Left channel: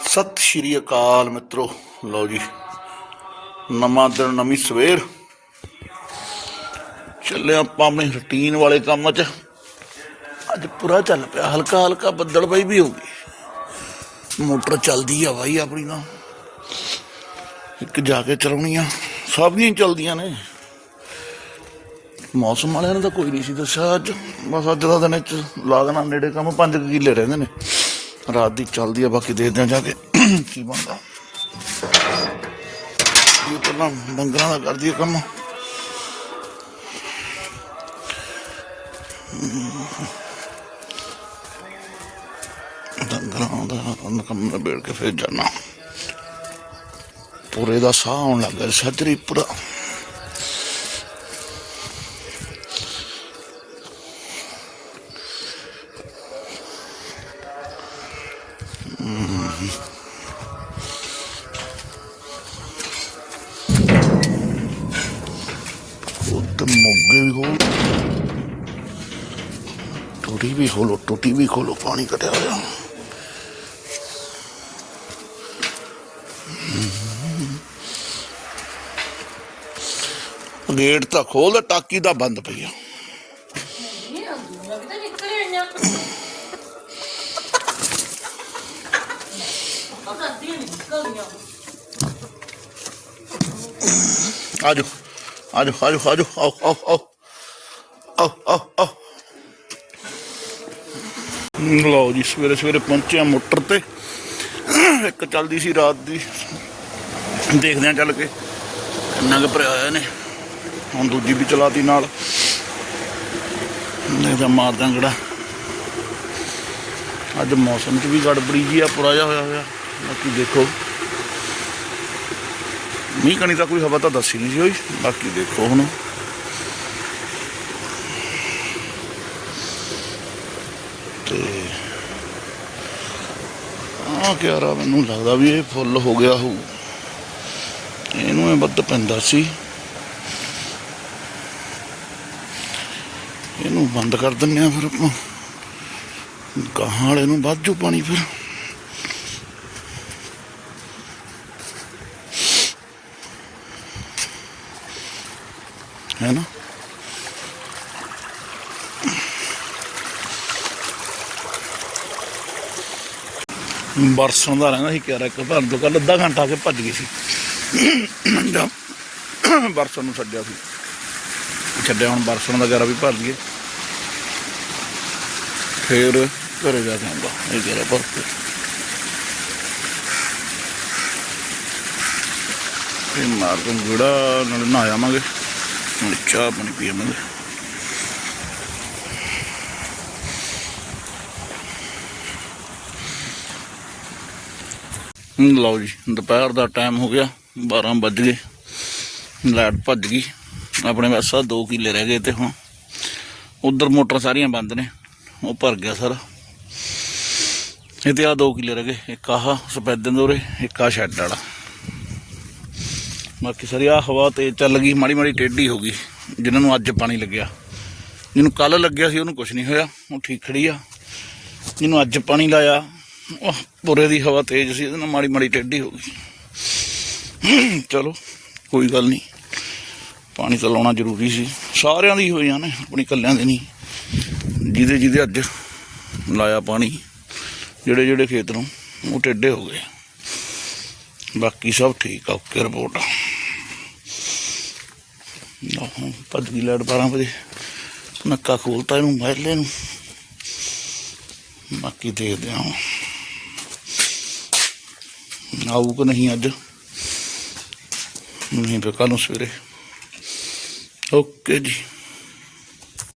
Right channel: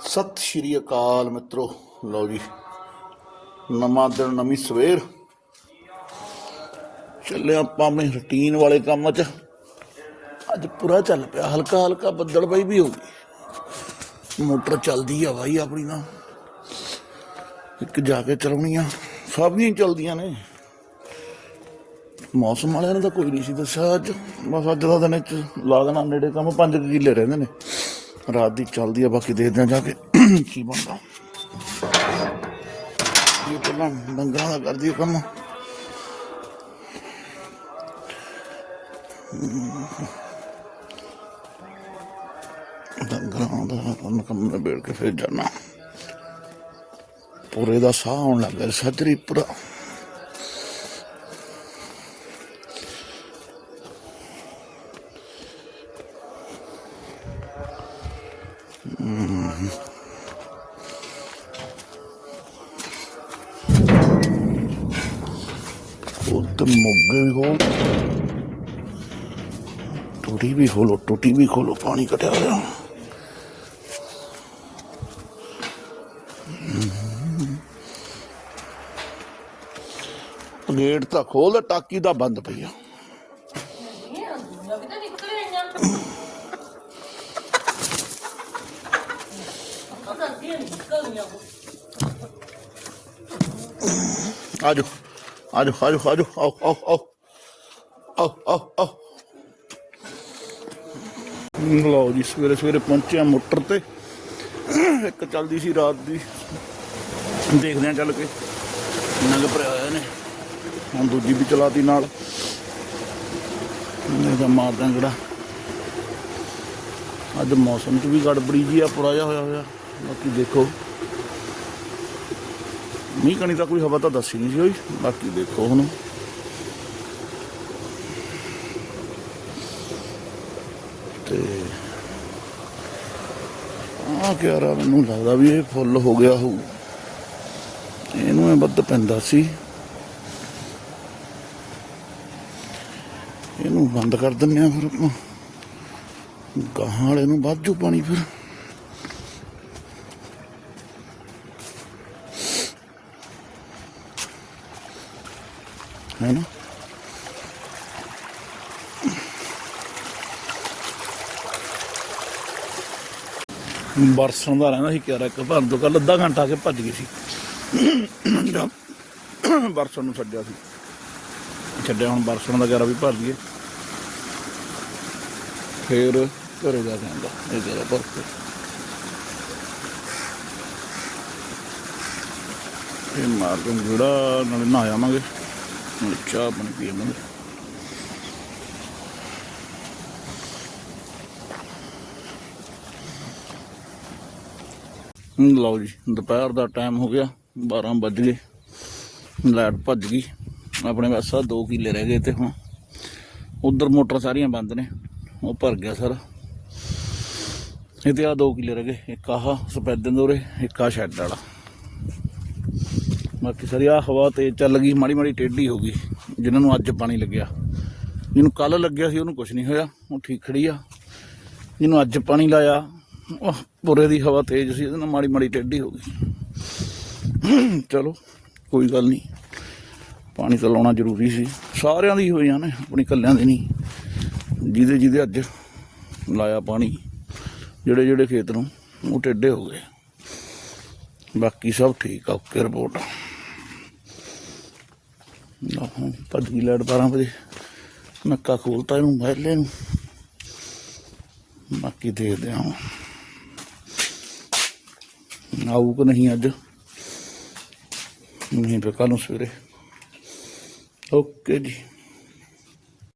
ਸਤਿ ਸ਼੍ਰੀ ਅਕਾਲ ਮਿੱਤਰੋ। ਲਓ ਜੀ, ਨਵਾਂ ਦਿਨ, ਨਵੀਂ ਸਵੇਰ। ਚੱਲੇ ਆਪਾਂ ਆਪਣੇ ਰੁਟੀਨ ਵਾਲੇ ਕੰਮ 'ਚ। ਅੱਜ ਪੂਰਾ ਚੱਲ ਪਿਆ ਹਲਕਾ ਹਲਕਾ ਬੱਦਲ ਬਈ ਵੀ ਹੋ ਗਈ ਮੋਟਰ ਚੱਲਦੀ ਆ ਬਾਈ ਆਪਣੀ ਨਾ ਇੱਕ ਜਾ ਕੇ ਚਲਾਉਣੀ ਆ ਸਭ ਦੀਆਂ ਹੀ ਚੱਲਦੀਆਂ ਨੇ। ਮੌਸਮ ਵਾਲਿਆਂ ਨੇ ਤਾਂ ਕੋਈ ਨਹੀਂ ਸੀ ਦੱਸਿਆ ਅੱਜ। ਬਸ ਅੱਜ ਦਾ ਦਿਨ ਚ ਲਾ ਦੇਣਾ ਨੇੜੇ ਕੰਮ 5 ਕਿੱਲੇ ਰਹਿੰਦੇ ਨੇ। ਰਾਤ ਦੀ ਚੱਲਦੀ ਆ, ਬਾਕੀ ਦੇਖਦੇ ਆ ਜਾ ਕੇ ਕੀ ਬਣਦਾ। ਇਹ ਪਹਿਲਾਂ ਡੰਗਰਾਂ ਦਾ ਕਰਦੀ ਆ ਕੰਮ। ਡੰਗਰਾਂ ਦਾ ਕੰਮ ਨਿਬੇੜ ਕੇ ਫਿਰ ਜਾਣਾ। ਪੂਰੇ ਦਾ ਸਾਹ ਆਉਣ ਲੱਗਾ ਸੱਜਰੀ ਪੂਰਾ ਉਹ ਤਾਂ ਮੁੱਗੇ ਵੀ ਖੋਲ ਟੂਟੀ ਵੀ ਖੋਲੋ ਟੂਟੀ ਵੀ ਖੋਲੋ ਪਾਣੀ ਕੱਢਿਆ ਹੋਇਆ ਗੇਟ ਤਾਂ ਖੋਲ ਤੇ ਟਾਕੀ ਤਾਂ ਬੰਦ ਪਈ ਆ ਨਹੀਂ ਆਉਂਦੀ ਮੈਂ ਕਿਤੇ ਨਿਕਲ ਆਈਆਂ ਉਹ ਦੱਸਦੀਆਂ ਨਹੀਂ ਨਿਕਲਦੀਆਂ ਆਜੋ ਆਜੋ ਆਜੋ ਆਜੋ, ਆਓ ਆਓ ਆਓ। ਆਓ ਆਓ ਆਓ। ਲਓ ਜੀ, ਸਵੇਰੇ ਸਵੇਰੇ ਪਹੁੰਚਿਆ ਮੋਟਰ ਤੇ। ਇੱਕ ਚੱਲਦੀ ਸੀ ਰਾਤ ਦੀ। ਦੇਖਦੇ ਆ ਚੱਲ ਕੇ ਨਗ ਭਰਿਆ ਹੋਇਆ ਨੇ ਹੁਣ ਦੂਜੀ ਵੀ ਚਲਾਤੀ ਨਾਲ। ਨਹੀਂ ਤਾਂ ਮਾਰ ਦਾਂਗੜਾ ਅੱਜ ਮੌਸਮ 'ਚ ਵੀ ਗੜਬੜੀ ਜੀ ਆ ਪੁਰਾ ਜਿਹਾ ਹੋਇਆ ਹੋਇਆ। ਬਾਕੀ ਦੇਖੋ। ਮੀਂਹ ਕਣੀ ਤਾਂ ਕੋਈ ਹਵਾ ਤਾਂ ਦੱਸੀ ਨਹੀਂ ਸੀ ਹੋਈ ਬਾਕੀ ਦੇਖੋ ਹੁਣ ਤੇ ਆ ਕਿਆਰਾ ਮੈਨੂੰ ਲੱਗਦਾ ਵੀ ਇਹ ਫੁੱਲ ਹੋ ਗਿਆ ਹੋਊ ਇਹਨੂੰ ਇਹ ਵੱਧ ਪੈਂਦਾ ਸੀ ਇਹਨੂੰ ਬੰਦ ਕਰ ਦਿੰਨੇ ਆ ਫਿਰ ਆਪਾਂ ਗਾਹਾਂ ਵਾਲੇ ਨੂੰ ਵੱਧ ਜੂ ਪਾਣੀ ਫਿਰ ਹੈ ਨਾ ਬਰਸਣ ਦਾ ਰਹਿੰਦਾ ਸੀ ਕਿਹੜਾ ਇੱਕ ਭਰ ਦੋ ਕੱਲ ਅੱਧਾ ਘੰਟਾ ਕੇ ਭੱਜ ਗਈ ਸੀ। ਬਰਸਣ ਨੂੰ ਛੱਡਿਆ ਸੀ। ਛੱਡਿਆ, ਹੁਣ ਬਰਸਣ ਦਾ ਗਰਾ ਵੀ ਭਰ ਲਈਏ ਫਿਰ ਘਰੇ ਜਾ ਕੇ ਆਉਂਦਾ, ਇਹ ਗਰਾ ਭਰ ਕੇ। ਇਹ ਮਾਰ ਕੇ ਜਿਹੜਾ ਨਾਲ ਨਹਾ ਆਵਾਂਗੇ। ਚਾਹ ਪਾਣੀ ਪੀਵਾਂਗੇ ਹਮ, ਲਓ ਜੀ ਦੁਪਹਿਰ ਦਾ ਟਾਈਮ ਹੋ ਗਿਆ 12 ਵੱਜ ਗਏ ਲਾਈਟ ਭੱਜ ਗਈ ਆਪਣੇ ਬਸ ਆਹ ਦੋ ਕਿੱਲੇ ਰਹਿ ਗਏ ਤੇ ਹੁਣ। ਉਧਰ ਮੋਟਰ ਸਾਰੀਆਂ ਬੰਦ ਨੇ ਉਹ ਭਰ ਗਿਆ ਸਾਰਾ। ਇਹ ਤੇ ਆ ਦੋ ਕਿੱਲੇ ਰਹਿ ਗਏ ਇੱਕ ਆਹ ਸਪੈਦਨ ਦੋਰੇ ਇੱਕ ਆ ਸ਼ੈੱਡ ਵਾਲਾ। ਬਾਕੀ ਸਾਰੀ ਆ ਹਵਾ ਤੇਜ਼ ਚੱਲ ਗਈ, ਮਾੜੀ ਮਾੜੀ ਟੇਢੀ ਹੋ ਗਈ, ਜਿਨ੍ਹਾਂ ਨੂੰ ਅੱਜ ਪਾਣੀ ਲੱਗਿਆ। ਜਿਹਨੂੰ ਕੱਲ ਲੱਗਿਆ ਸੀ, ਉਹਨੂੰ ਕੁਝ ਨਹੀਂ ਹੋਇਆ, ਉਹ ਠੀਕ ਖੜੀ ਆ। ਜਿਹਨੂੰ ਅੱਜ ਪਾਣੀ ਲਾਇਆ, ਉਹ ਪੂਰੇ ਦੀ ਹਵਾ ਤੇਜ਼ ਸੀ ਉਹਨੂੰ ਮਾੜੀ ਮਾੜੀ ਟੇਢੀ ਹੋ ਗਈ। ਚਲੋ, ਕੋਈ ਗੱਲ ਨਹੀਂ। ਪਾਣੀ ਤਾਂ ਲਾਉਣਾ ਜ਼ਰੂਰੀ ਸੀ। ਸਾਰਿਆਂ ਦੀ ਹੋਈਆਂ ਨੇ, ਆਪਣੀ ਕੱਲਿਆਂ ਦੀ ਨਹੀਂ। ਜਿਹਦੇ ਜਿਹਦੇ ਅੱਜ ਲਾਇਆ ਪਾਣੀ, ਜਿਹੜੇ ਜਿਹੜੇ ਖੇਤ ਨੂੰ, ਉਹ ਟੇਢੇ ਹੋ ਗਏ। ਬਾਕੀ ਸਭ ਠੀਕ ਆ, ਓਕੇ ਰਿਪੋਰਟ। ਭੱਜ ਗਈ ਲੈਟ 12 ਵਜੇ। ਨੱਕਾ ਖੋਲਤਾ ਇਹਨੂੰ ਮਹਿਲੇ ਨੂੰ ਬਾਕੀ ਦੇਖਦੇ ਹਾਂ ਆਊ ਕਿ ਨਹੀਂ ਅੱਜ? ਨਹੀਂ ਫਿਰ ਕੱਲ ਨੂੰ ਸਵੇਰੇ। ਓਕੇ ਜੀ।